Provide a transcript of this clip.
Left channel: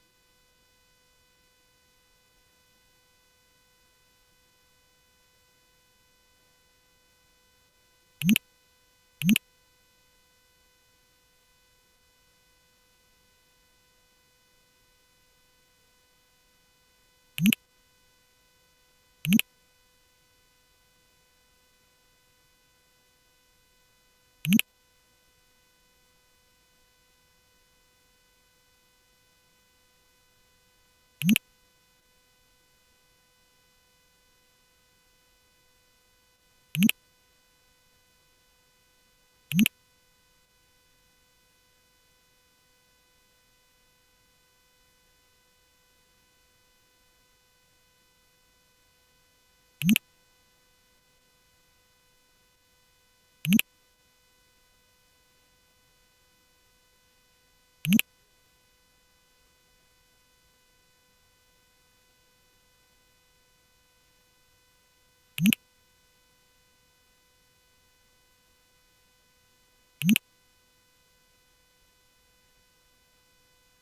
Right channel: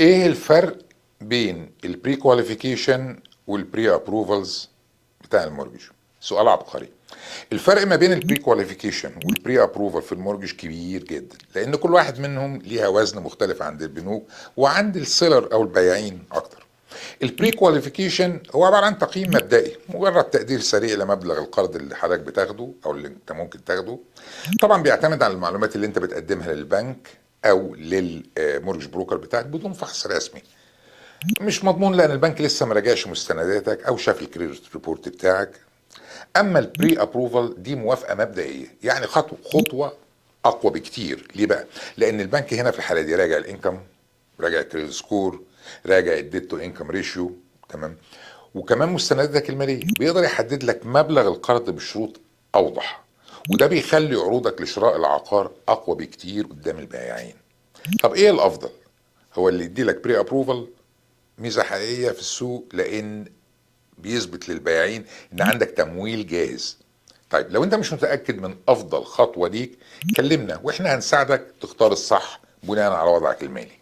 ايه الفرق بين البري كواليفيكيشن والبري ابروفالز بتاع المورجج؟ سؤال عبقري. الفرق ما بين البري كواليفيكيشن والبري ابروفال في المورجج كبير جدا، لان كل واحد منهم ليها وزن مختلف عند البنوك وعند السيلر او البياعين اكتر. البري كواليفيكيشن هو عباره عن تقييم مبدئي، مجرد تقدير سريع لمبلغ القرض اللي حضرتك بتاخده او اللي انت ممكن تاخده. طبعا بيعتمد على المعلومات اللي انت بتقدمها للبنك او للمورجج بروكر بتاعك بدون فحص رسمي. مش مضمون لان البنك لسه ما راجعش مستنداتك او شاف الكريدت ريبورت بتاعك. اما البري ابروفال دي موافقه مبدئيه، يعني خطوه اقوى بكتير. ليه بقى؟ لان البنك هنا في الحاله دي راجع الانكم، راجع الكريدت سكور، راجع الديت تو انكم ريشيو، تمام، وكمان مستنداتك الماليه، بيقدر يحدد لك مبلغ القرض بشروط اوضح، وده بيخلي عروضك لشراء العقار اقوى بكتير قدام البائعين. طب ايه الافضل؟ هو اللي يدي لك بري ابروفال ميزه حقيقيه في السوق، لان بيثبت للبائعين ان عندك تمويل جاهز. طيب لو انت مش متاكد من افضل خطوه ليك، كلمنا واحنا هنساعدك تختار الصح بناء على وضعك المالي.